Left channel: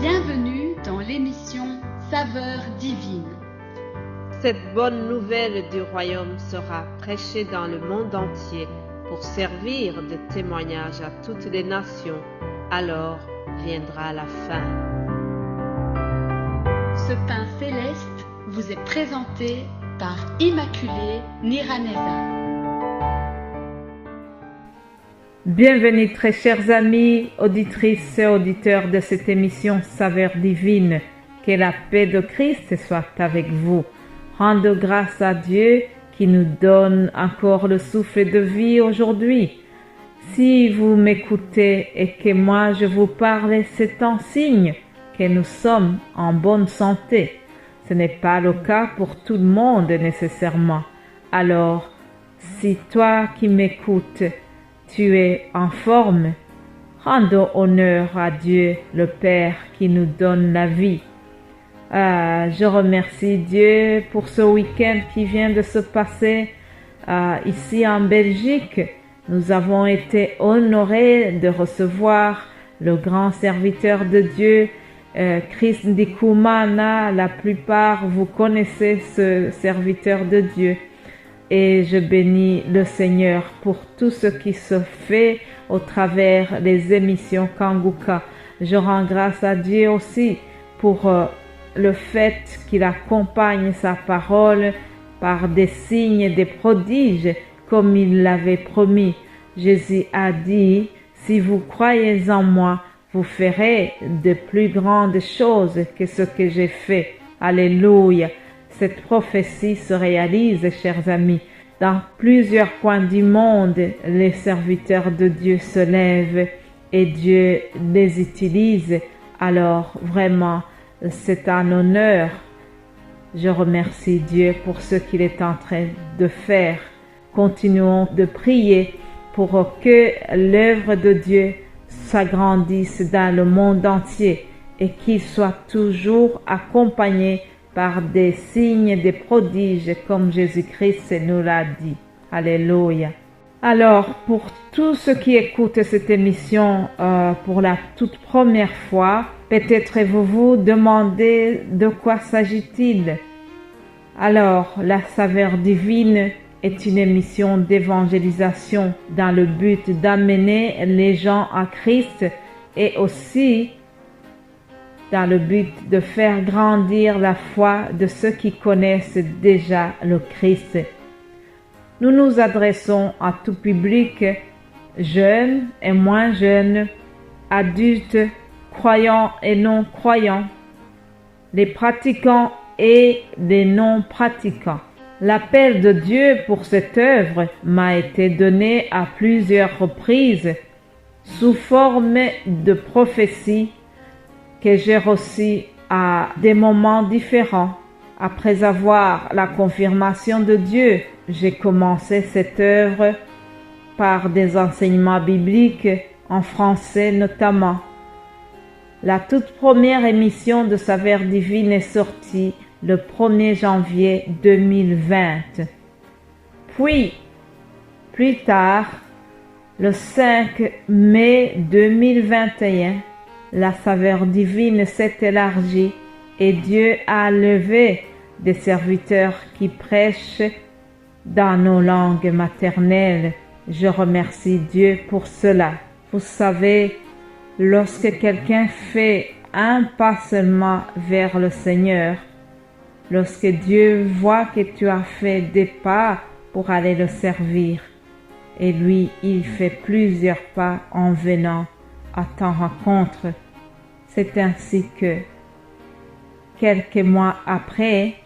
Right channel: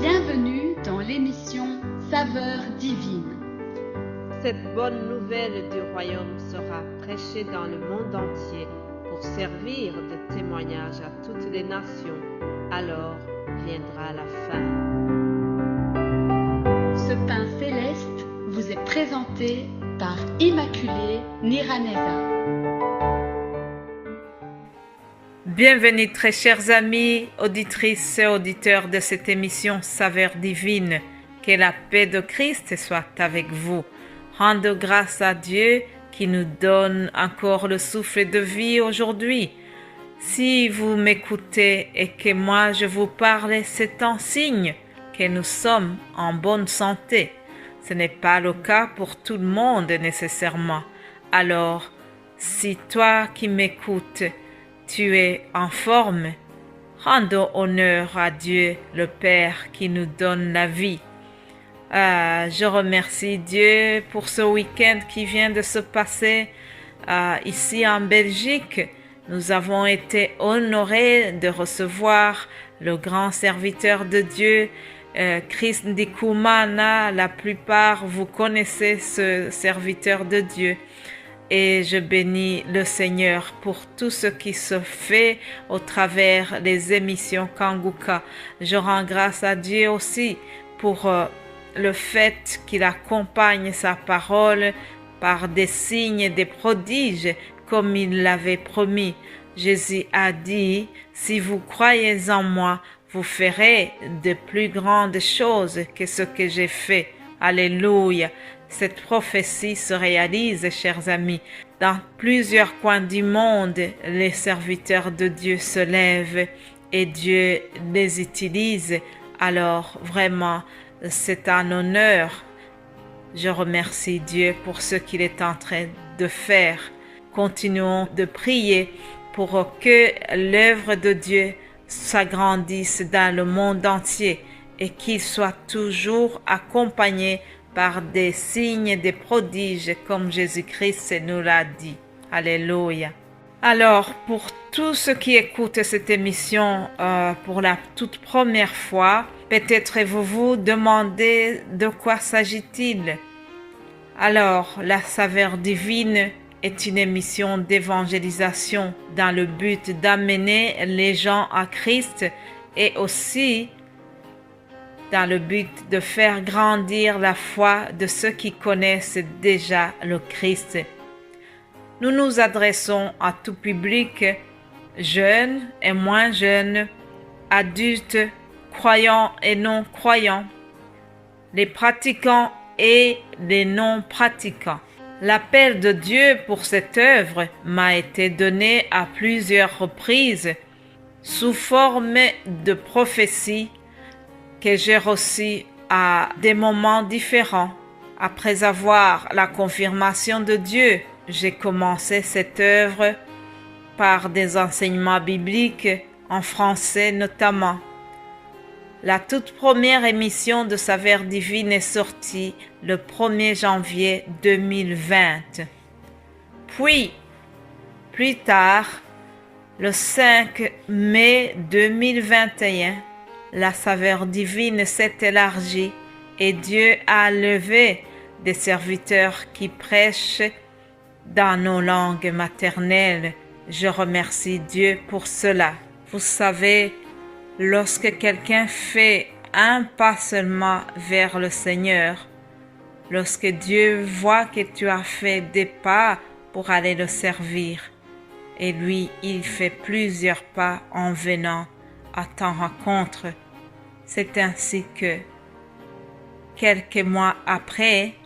Bienvenue dans l'émission Saveurs divines. Cette bonne nouvelle du royaume sera prêchée dans le monde entier pour servir de témoignage à toutes les nations. Alors viendra la fin. Ce pain céleste vous est présenté par Immaculée Niraneza. Bienvenue très chers amis, auditrices et auditeurs de cette émission Saveurs divines. Que la paix de Christ soit avec vous. Rendez grâce à Dieu qui nous donne encore le souffle de vie aujourd'hui. Si vous m'écoutez et que moi je vous parle, c'est un signe que nous sommes en bonne santé. Ce n'est pas le cas pour tout le monde nécessairement. Alors, si toi qui m'écoutes, tu es en forme, rendons honneur à Dieu le Père qui nous donne la vie. Je remercie Dieu pour ce week-end qui vient de se passer ici en Belgique. Nous avons été honorés de recevoir le grand serviteur de Dieu, Christ Ndikumana. La plupart vous connaissez ce serviteur de Dieu. Et je bénis le Seigneur pour tout ce qui se fait au travers des émissions Kanguka. Je rends grâce à Dieu aussi pour le fait qu'il accompagne sa parole par des signes et des prodiges comme il l'avait promis. Jésus a dit, si vous croyez en moi, vous ferez de plus grandes choses que ce que j'ai fait. Alléluia. Cette prophétie se réalise, chers amis. Dans plusieurs coins du monde, les serviteurs de Dieu se lèvent et Dieu les utilise. Alors, vraiment, c'est un honneur. Je remercie Dieu pour ce qu'il est en train de faire. Continuons de prier pour que l'œuvre de Dieu s'agrandisse dans le monde entier et qu'il soit toujours accompagné par des signes, des prodiges, comme Jésus-Christ nous l'a dit. Alléluia. Alors, pour tous ceux qui écoutent cette émission pour la toute première fois, peut-être vous vous demandez de quoi s'agit-il. Alors, la Saveur divine est une émission d'évangélisation dans le but d'amener les gens à Christ et aussi dans le but de faire grandir la foi de ceux qui connaissent déjà le Christ. Nous nous adressons à tout public, jeunes et moins jeunes, adultes, croyants et non croyants, les pratiquants et les non pratiquants. L'appel de Dieu pour cette œuvre m'a été donné à plusieurs reprises sous forme de prophéties que j'ai reçues à des moments différents. Après avoir la confirmation de Dieu, j'ai commencé cette œuvre par des enseignements bibliques en français notamment. La toute première émission de Saveurs divines est sortie le 1er janvier 2020. Puis, plus tard, le 5 mai 2021, la Saveur divine s'est élargie et Dieu a levé des serviteurs qui prêchent dans nos langues maternelles. Je remercie Dieu pour cela. Vous savez, lorsque quelqu'un fait un pas seulement vers le Seigneur, lorsque Dieu voit que tu as fait des pas pour aller le servir, et lui, il fait plusieurs pas en venant à ta rencontre, c'est ainsi que, quelques mois après,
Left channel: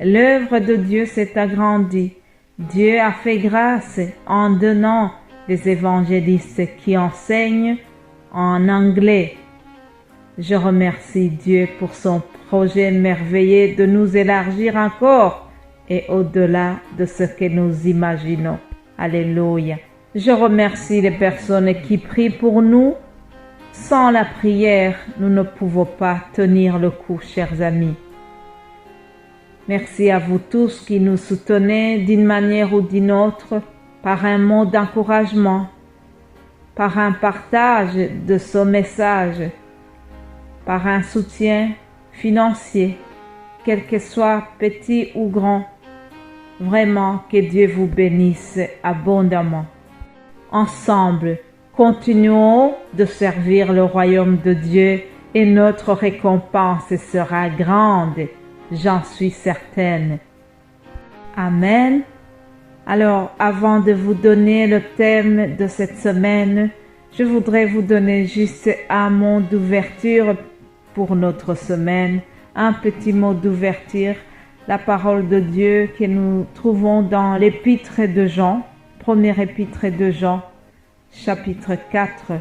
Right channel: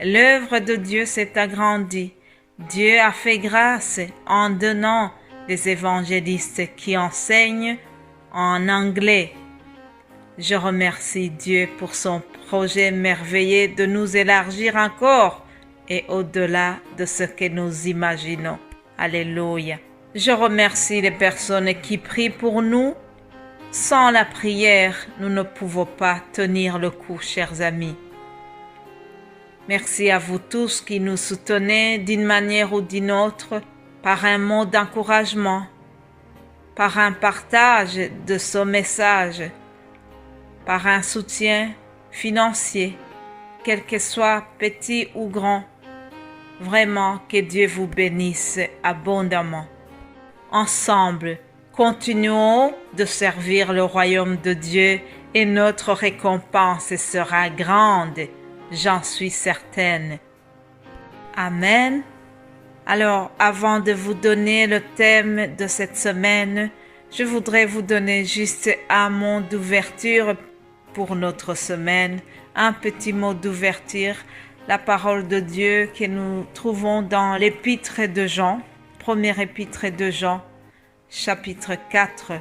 l'œuvre de Dieu s'est agrandie. Dieu a fait grâce en donnant des évangélistes qui enseignent en anglais. Je remercie Dieu pour son projet merveilleux de nous élargir encore et au-delà de ce que nous imaginons. Alléluia. Je remercie les personnes qui prient pour nous. Sans la prière, nous ne pouvons pas tenir le coup, chers amis. Merci à vous tous qui nous soutenez d'une manière ou d'une autre, par un mot d'encouragement, par un partage de ce message. par un soutien financier, quel que soit petit ou grand. Vraiment, que Dieu vous bénisse abondamment. Ensemble, continuons de servir le royaume de Dieu et notre récompense sera grande, j'en suis certaine. Amen. Alors, avant de vous donner le thème de cette semaine, je voudrais vous donner juste un mot d'ouverture pour notre semaine, un petit mot d'ouverture, la parole de Dieu que nous trouvons dans l'épître de Jean, première épître de Jean, chapitre 4,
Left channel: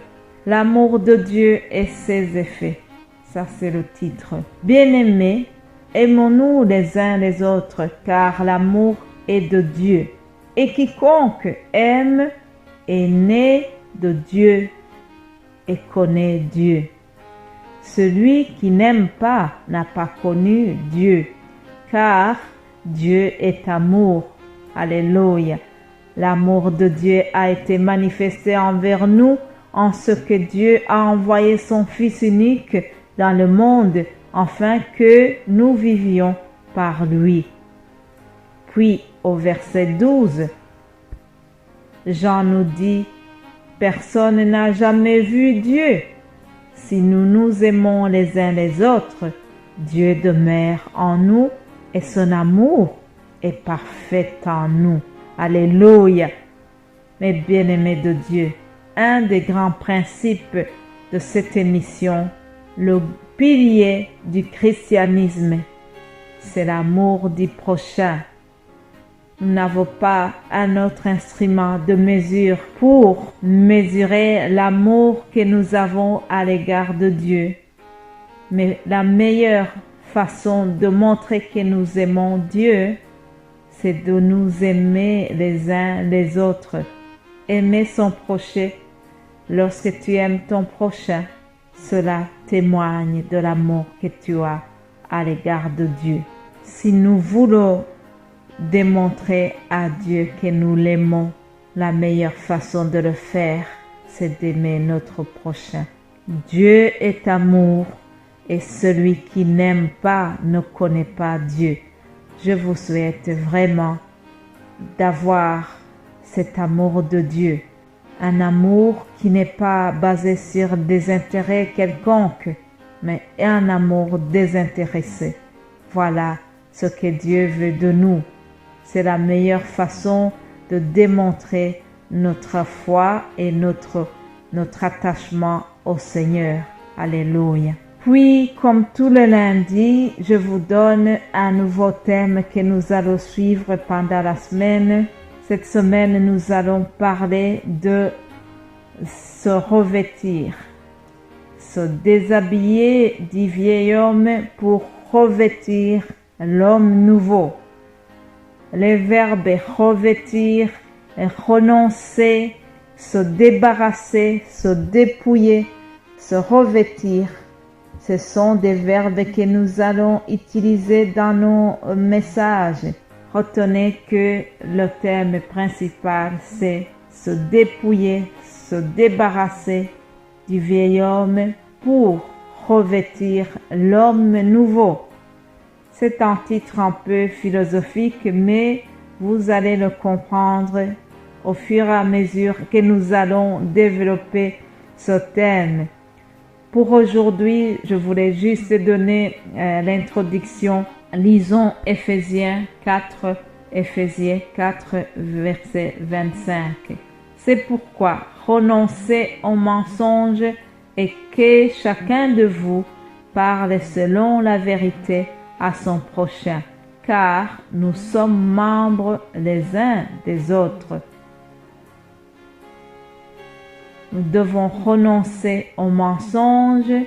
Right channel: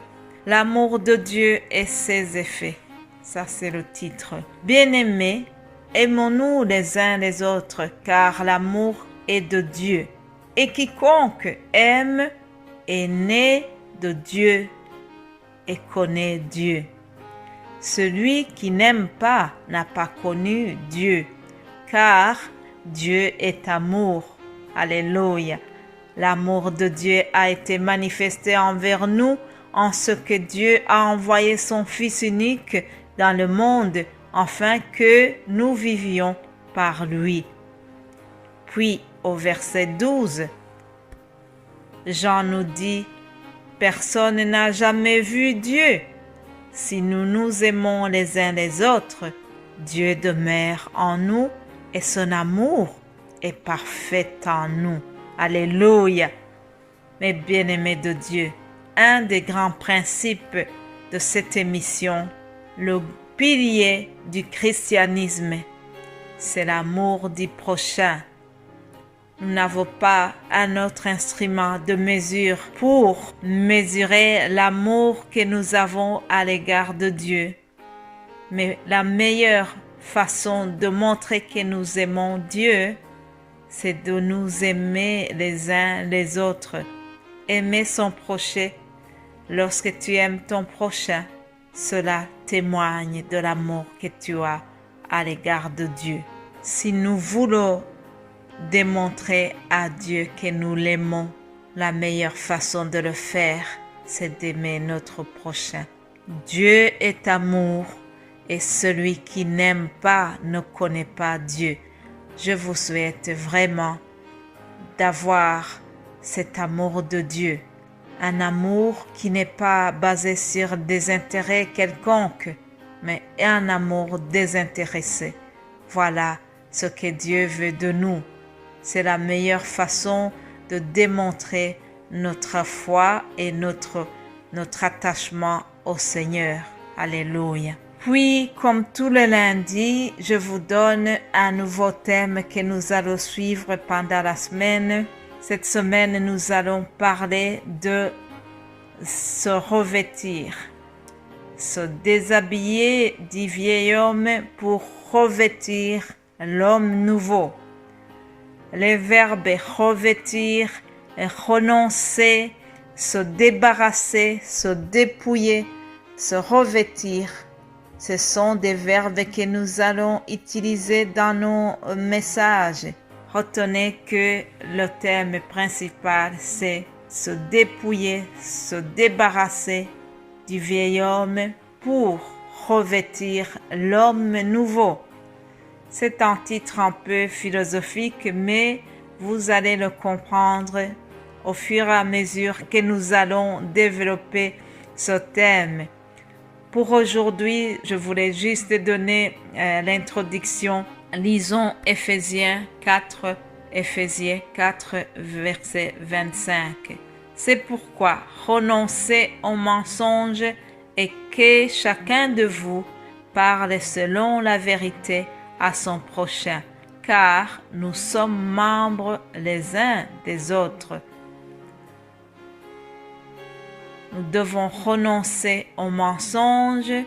l'amour de Dieu et ses effets. Ça, c'est le titre. Bien-aimés, aimons-nous les uns les autres, car l'amour est de Dieu. Et quiconque aime est né de Dieu et connaît Dieu. Celui qui n'aime pas n'a pas connu Dieu, car Dieu est amour. Alléluia. L'amour de Dieu a été manifesté envers nous en ce que Dieu a envoyé son Fils unique dans le monde afin que nous vivions par lui. Puis au verset 12, Jean nous dit, « Personne n'a jamais vu Dieu. Si nous nous aimons les uns les autres, Dieu demeure en nous et son amour est parfait en nous. » Alléluia. Mes bien-aimés de Dieu, un des grands principes de cette émission, le pilier du christianisme, c'est l'amour du prochain. Nous n'avons pas un autre instrument de mesure pour mesurer l'amour que nous avons à l'égard de Dieu. Mais la meilleure façon de montrer que nous aimons Dieu, c'est de nous aimer les uns les autres. Aimer son prochain. Lorsque tu aimes ton prochain, cela témoigne de l'amour que tu as à l'égard de Dieu. Si nous voulons démontrer à Dieu que nous l'aimons, la meilleure façon de le faire, c'est d'aimer notre prochain. Dieu est amour et celui qui n'aime pas ne connaît pas Dieu. Je vous souhaite vraiment d'avoir cet amour de Dieu, un amour qui n'est pas basé sur des intérêts quelconques, mais un amour désintéressé. Voilà ce que Dieu veut de nous. C'est la meilleure façon de démontrer notre foi et notre attachement au Seigneur. Alléluia. Puis, comme tous les lundis, je vous donne un nouveau thème que nous allons suivre pendant la semaine. Cette semaine, nous allons parler de se revêtir, se déshabiller du vieil homme pour revêtir l'homme nouveau. Les verbes revêtir, renoncer, se débarrasser, se dépouiller, se revêtir. Ce sont des verbes que nous allons utiliser dans nos messages. Retenez que le thème principal, c'est se dépouiller, se débarrasser du vieil homme pour revêtir l'homme nouveau. C'est un titre un peu philosophique, mais vous allez le comprendre au fur et à mesure que nous allons développer ce thème. Pour aujourd'hui, je voulais juste donner l'introduction. Lisons Éphésiens 4, verset 25. C'est pourquoi renoncez aux mensonges et que chacun de vous parle selon la vérité à son prochain, car nous sommes membres les uns des autres. Nous devons renoncer aux mensonges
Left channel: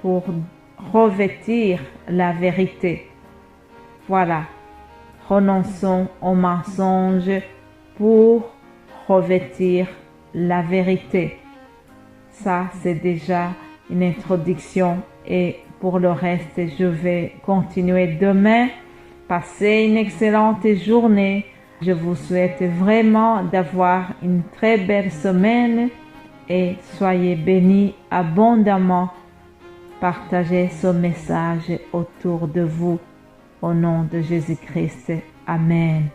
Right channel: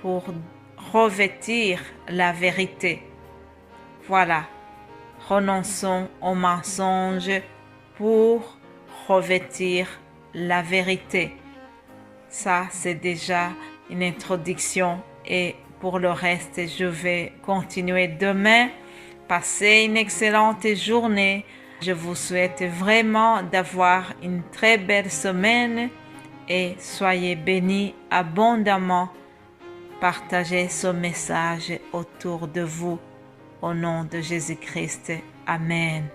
pour revêtir la vérité. Voilà, renonçons aux mensonges pour revêtir la vérité. Ça, c'est déjà une introduction et pour le reste, je vais continuer demain. Passez une excellente journée. Je vous souhaite vraiment d'avoir une très belle semaine et soyez bénis abondamment partagez ce message autour de vous. Au nom de Jésus-Christ. Amen.